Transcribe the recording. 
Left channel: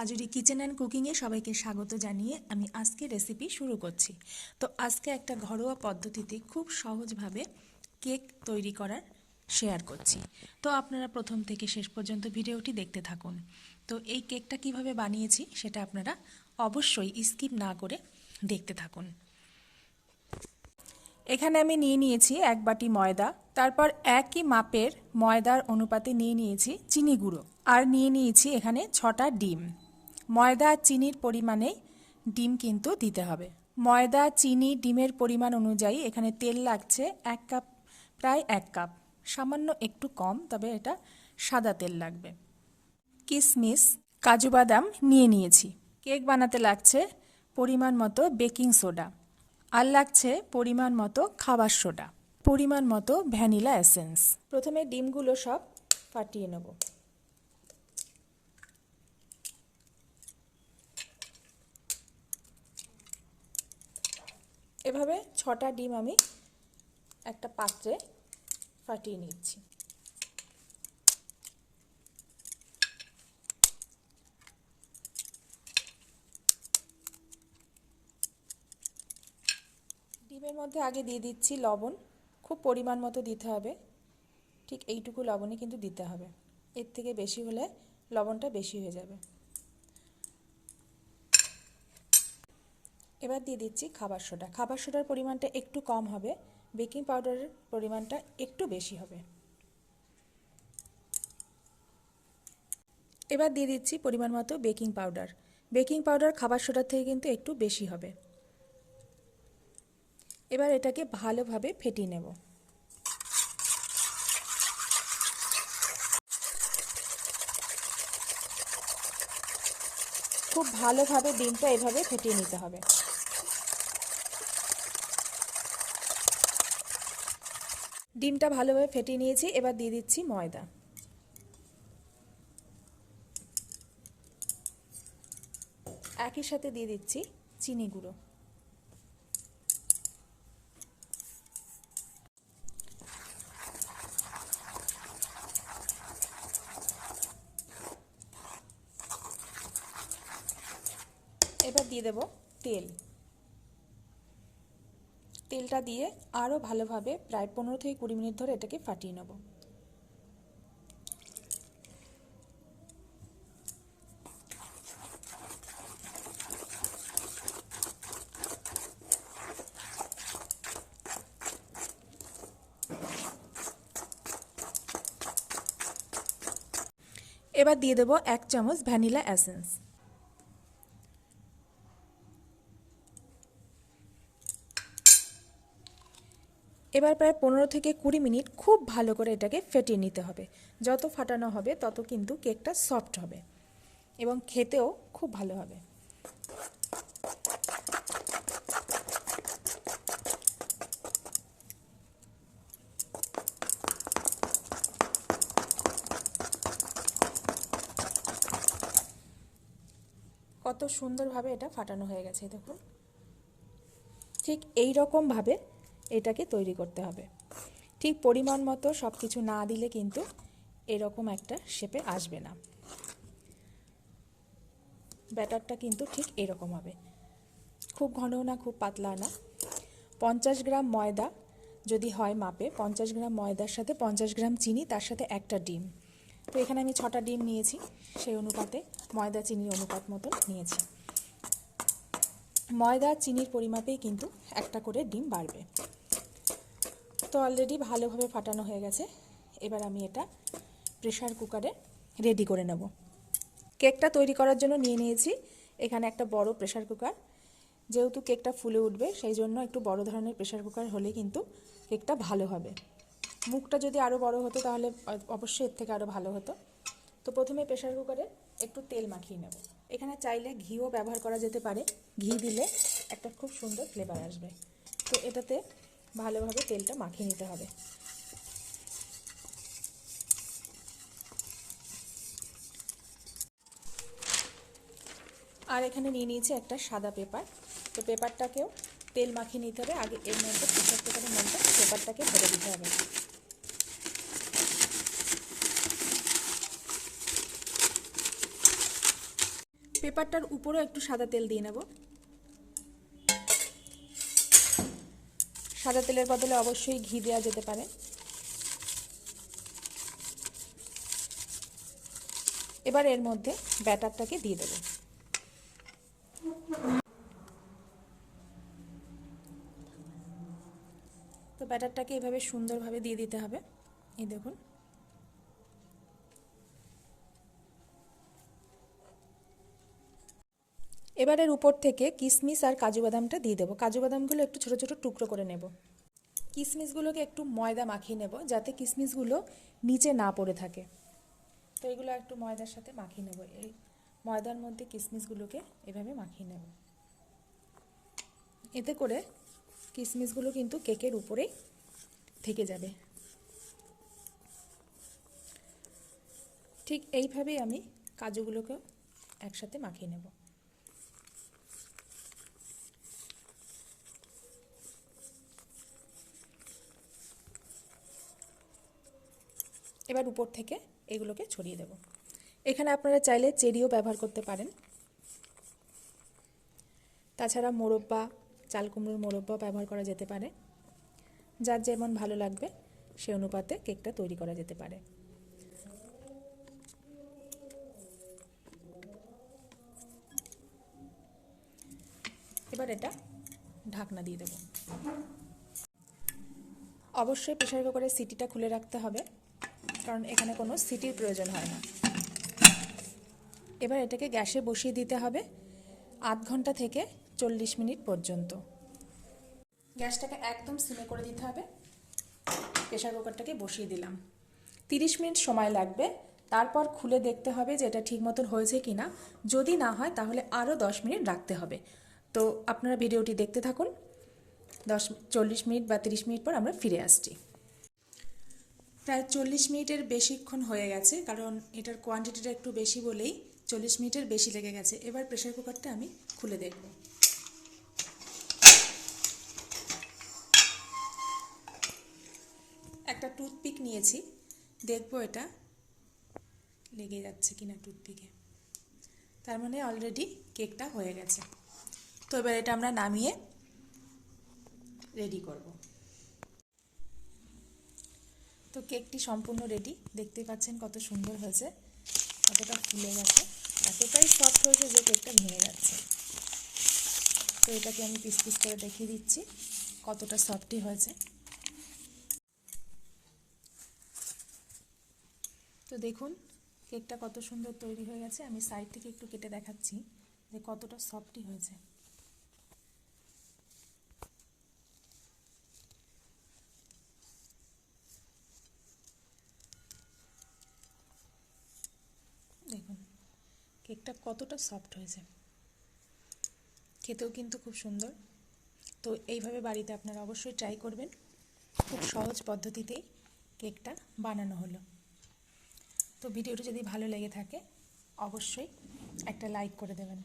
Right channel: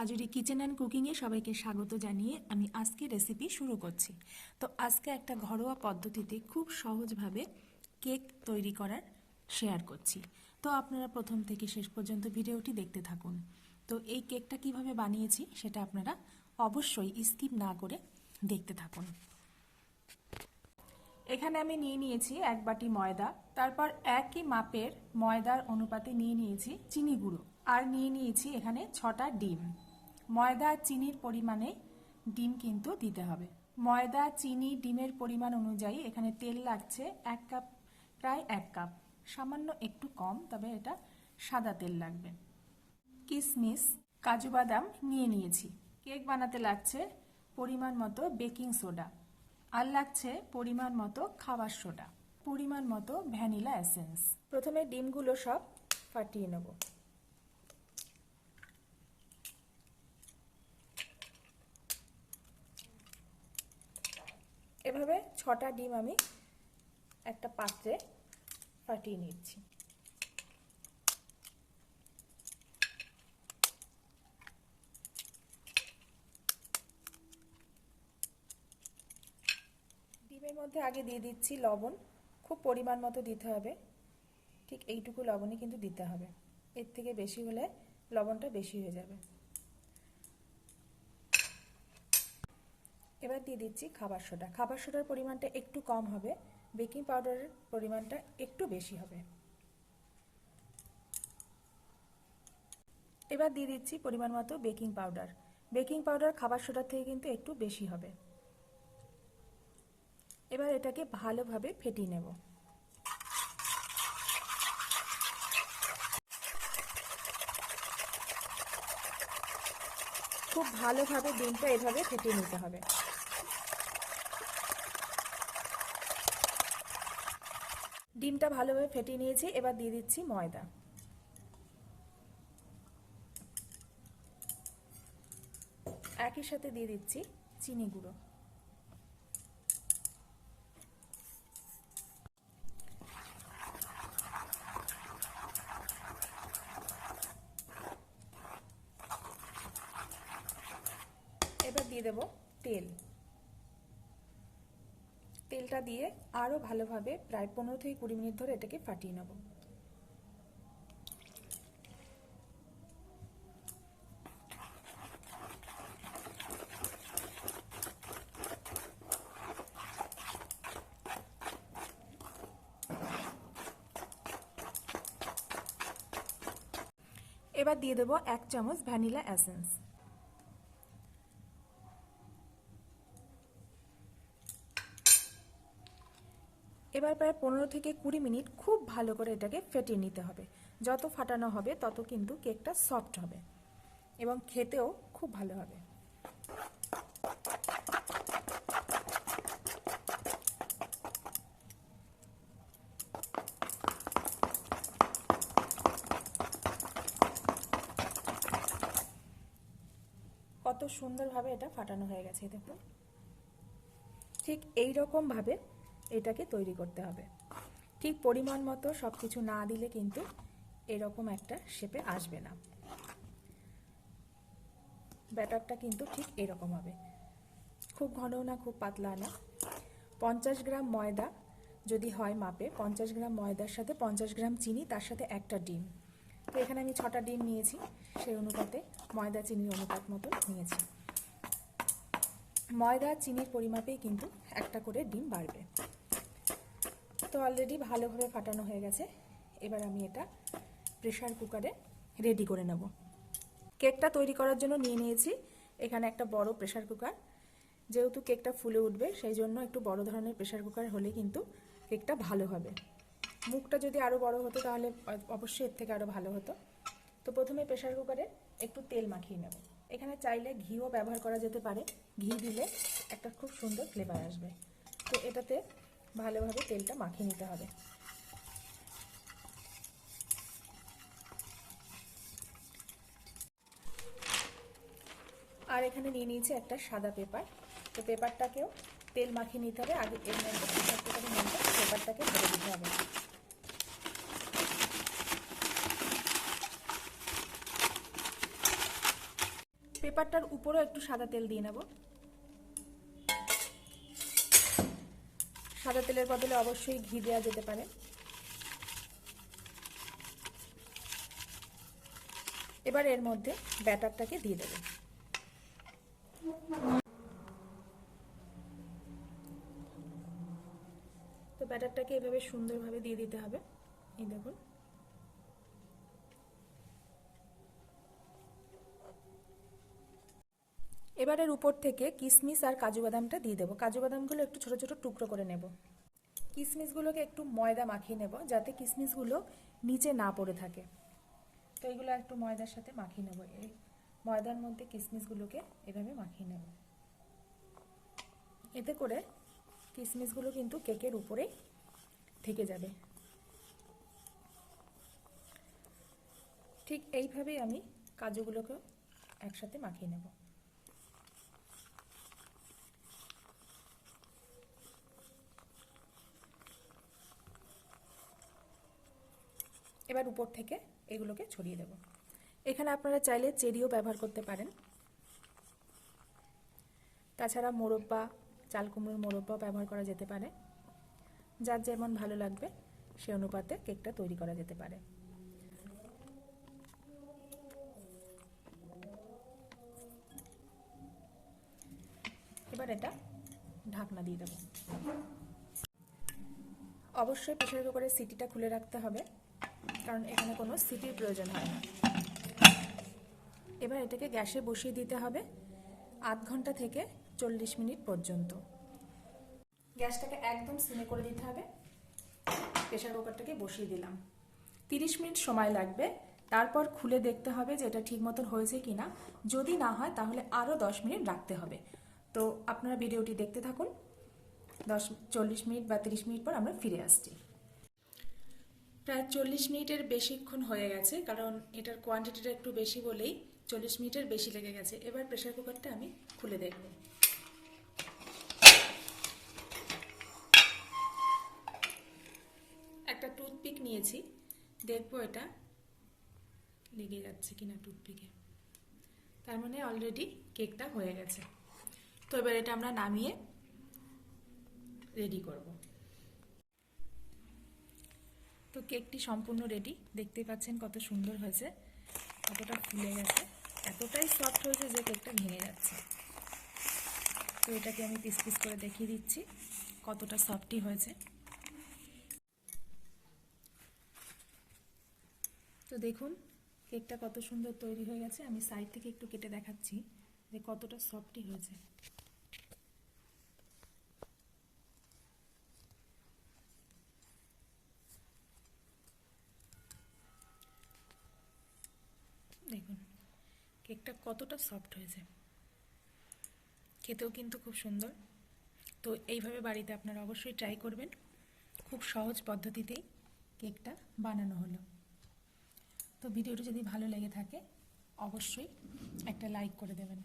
কাজুরি kitchen and কুকিংয়ে সবাইকে স্বাগত জানিয়ে আমি আজকে রেসিপি শুরু করছি। তো আজকে একটা ঘরোয়া পদ্ধতিতে খুব সহজভাবে কেক তৈরি করার শেয়ার করছি। তো আপনারা প্রথম থেকে শেষ পর্যন্ত ভিডিওটি দেখতে থাকুন। তো এই কেকটা কিভাবে বানিয়েছি সেটা আপনারা অবশ্যই স্কিপ না করে দেখতে থাকুন। এখানে আমি নিয়ে নিয়েছি 1 বাটি ময়দা, তারপর একই মাপের ময়দার অনুপাতে নিয়ে নিয়েছি চিনি গুঁড়ো, আর নিয়ে নিয়েছি এখানে 6টা ডিম। ময়দা আর চিনির পরিমাণে ডিম কিন্তু দিতে হবে। ময়দা, চিনি, ডিমের পরিমাণ অনুযায়ী এখানে তেল লাগছে 1 কাপ, প্রায় 1 কাপ, সামান্য একটু কম, তবে এটা সাদা তেল লাগবে। কিশমিশ, কাজু বাদাম নিয়ে নিয়েছি। কেক বানাতে লাগছে পরিমাণ মতো বেকিং সোডা, আর লাগছে পরিমাণ মতো খাবার সোডা, পরিমাণ মতো ভ্যানিলা এসেন্স। প্রথমে ডিমগুলো সব ফাটিয়ে নেব। এভাবে 6টা ডিম আমি একটা পাত্রে ফাটিয়ে নিচ্ছি। ডিমের মধ্যে আগে দিয়ে দিচ্ছি লবণ, খুব পরিমাণ মতো দিতে হবে, ঠিক এইটুকু লবণই কিন্তু দিতে হবে, এর থেকে বেশি হলে লবণটা বেশি হয়ে যাবে। এবার দিয়ে দিচ্ছি খাবার সোডা। খাবার সোডার পরিমাণটা একটু কম হবে, বেকিং পাউডারের পরিমাণটা একটু বেশি হবে। এবার দিয়ে দিচ্ছি পরিমাণ মতো বেকিং পাউডার। বেকিং পাউডার খাবার সোডার থেকে কিন্তু একটু বেশি হবে। এবার এটাকে ভালোভাবে ফেটিয়ে নেব। খুব ভালোভাবে ডিমটা এভাবে ফেটিয়ে নিতে হবে। ডিমটা ভালোভাবে ফেটিয়ে নিয়েছি, এবার দিয়ে দিচ্ছি ময়দা। একই সাথে দিয়ে দিচ্ছি চিনি গুঁড়ো। এবার দিয়ে দেব তেল। তেলটা দিয়ে আরও ভালোভাবে প্রায় 15 থেকে 20 মিনিট ধরে এটাকে ফাটিয়ে নেব। এবার দিয়ে দেব 1 চামচ ভ্যানিলা এসেন্স। এবার প্রায় 15 থেকে 20 মিনিট খুব ভালো করে এটাকে ফেটিয়ে নিতে হবে। যত ফাটানো হবে তত কিন্তু কেকটা সফট হবে এবং খেতেও খুব ভালো হবে। কত সুন্দরভাবে এটা ফাটানো হয়ে গেছে দেখুন। ঠিক এই রকমভাবে এটাকে তৈরি করতে হবে। ঠিক পরিমাণ মতো সব কিছু না দিলে কিন্তু এরকম একটা শেপে আসবে না। ব্যাটারটা কিন্তু ঠিক এরকম হবে, খুব ঘনও না খুব পাতলা না। 50 গ্রাম ময়দা যদি হয় মাপে, 50 গ্রাম ময়দার সাথে 50 গ্রাম চিনি, তার সাথে একটা ডিম। তো এখানে আমি 6টা ডিম নিয়েছি, সেই অনুপাতে ময়দা চিনির অনুপাত মতো নিয়েছি। ময়দা চিনির পরিমাপেই কিন্তু একটা করে ডিম বাড়বে। তো অলরেডি ভালোভাবে ফাটানো হয়ে গেছে। এবার আমি এটা প্রেসার কুকারে রেডি করে নেব। কেকটা তৈরি করার জন্য নিয়ে নিয়েছি এখানে একটা বড় প্রেসার কুকার। যেহেতু কেকটা ফুলে উঠবে সেই জন্য একটু বড় ধরনের প্রেসার কুকার হলে কিন্তু কেকটা ভালো হবে। মুখটা যদি আরও বড় হতো তাহলে অবশ্যই এর থেকে আরও ভালো হতো। তো প্রথমে প্রেসার কুকারে একটু তেল মাখিয়ে নেব। এখানে চাইলে ঘিও ব্যবহার করা যেতে পারে, ঘি দিলে একটা খুব সুন্দর ফ্লেভার আসবে। তো এটাতে ভালোভাবে তেলটা মাখিয়ে নিতে হবে। আর এখানে নিয়ে নিয়েছি একটা সাদা পেপার। তো পেপারটাকেও তেল মাখিয়ে নিতে হবে। আগে এর মধ্যে প্রেসার কুকারের মধ্যে পেপারটাকে ভরে দিতে হবে। পেপারটার উপরে একটু সাদা তেল দিয়ে নেব। সাদা তেলের বদলে অবশ্যই ঘি দেওয়া যেতে পারে। এবার এর মধ্যে ব্যাটারটাকে দিয়ে দেব। তো ব্যাটারটাকে এভাবে সুন্দরভাবে দিয়ে দিতে হবে। এই দেখুন, এবার এর উপর থেকে কিশমিশ আর কাজু বাদামটা দিয়ে দেবো। কাজু বাদামগুলো একটু ছোট ছোট টুকরো করে নেব। কিশমিশগুলোকে একটু ময়দা মাখিয়ে নেব যাতে কিশমিশগুলো নিচে না পড়ে থাকে। তো এগুলো একটু ময়দার সাথে মাখিয়ে নেব। এই ময়দার মধ্যে কিশমিশগুলোকে এভাবে মাখিয়ে নেব। এতে করে কিশমিশগুলো কিন্তু কেকের উপরেই থেকে যাবে। ঠিক এইভাবেই আমি কাজুগুলোকে একসাথে মাখিয়ে নেব। এবার উপর থেকে এগুলোকে ছড়িয়ে দেব। এখানে আপনারা চাইলে চেরিও ব্যবহার করতে পারেন। তাছাড়া মোরব্বা, চাল কুমড়োর মোরব্বা ব্যবহার করা যেতে পারে। যার যেমন ভালো লাগবে সে অনুপাতে কেকটা তৈরি করা যেতে পারে। এবার এটা ঢাকনা দিয়ে দেব। অবশ্যই প্রেসার কুকারের সিটিটা খুলে রাখতে হবে, কারণ এখানে কোনো সিটির প্রয়োজন হয় না। এবার এটাকে গ্যাসে বসিয়ে দিতে হবে 0.5 ঘন্টা থেকে 40 মিনিট পর্যন্ত। গ্যাসটাকে একদম সিমে করে দিতে হবে। প্রেসার কুকারটাকে বসিয়ে দিলাম। 30 মিনিট সময় লাগবে। তারপর খুলে দেখতে হবে যে এটা ঠিক মতন হয়েছে কিনা। যদি না হয় তাহলে আরও 10 মিনিট রাখতে হবে। তো আপনারা ভিডিওটি দেখতে থাকুন। 40 মিনিট বা 30 মিনিট পর আমরা ফিরে আসছি। প্রায় 40 মিনিটের বেশিক্ষণ হয়ে গেছে, কারণ এটার কোয়ান্টিটিটা একটু বেশি বলেই 40 মিনিটের বেশি লেগে গেছে। এবার প্রেসার কুকারটা আমি খুলে দেখব। একটা টুথপিক নিয়েছি, দেখব এটা লেগে যাচ্ছে কিনা টুথপিকে। তার মানে অলরেডি কেকটা হয়ে গেছে। তো এবার এটা আমরা নামিয়ে রেডি করব। তো কেকটি সম্পূর্ণ রেডি। দেখতে পাচ্ছেন কত সুন্দর হয়েছে, কতটা ফুলে গেছে, এতটাই সফট হয়েছে যে কেকটা ভেঙে যাচ্ছে। তো এটাকে আমি পিস পিস করে দেখিয়ে দিচ্ছি কতটা সফটই হয়েছে। তো দেখুন কেকটা কত সুন্দর তৈরি হয়ে গেছে। আমি সাইড থেকে একটু কেটে দেখাচ্ছি যে কতটা সফটই হয়েছে। দেখুন কেকটা কতটা সফট হয়েছে, খেতেও কিন্তু খুব সুন্দর। তো এইভাবে বাড়িতে আপনারা অবশ্যই ট্রাই করবেন। খুব সহজ পদ্ধতিতেই কেকটা বানানো হলো। তো ভিডিওটি যদি ভালো লেগে থাকে অবশ্যই একটা লাইক করে দেবেন।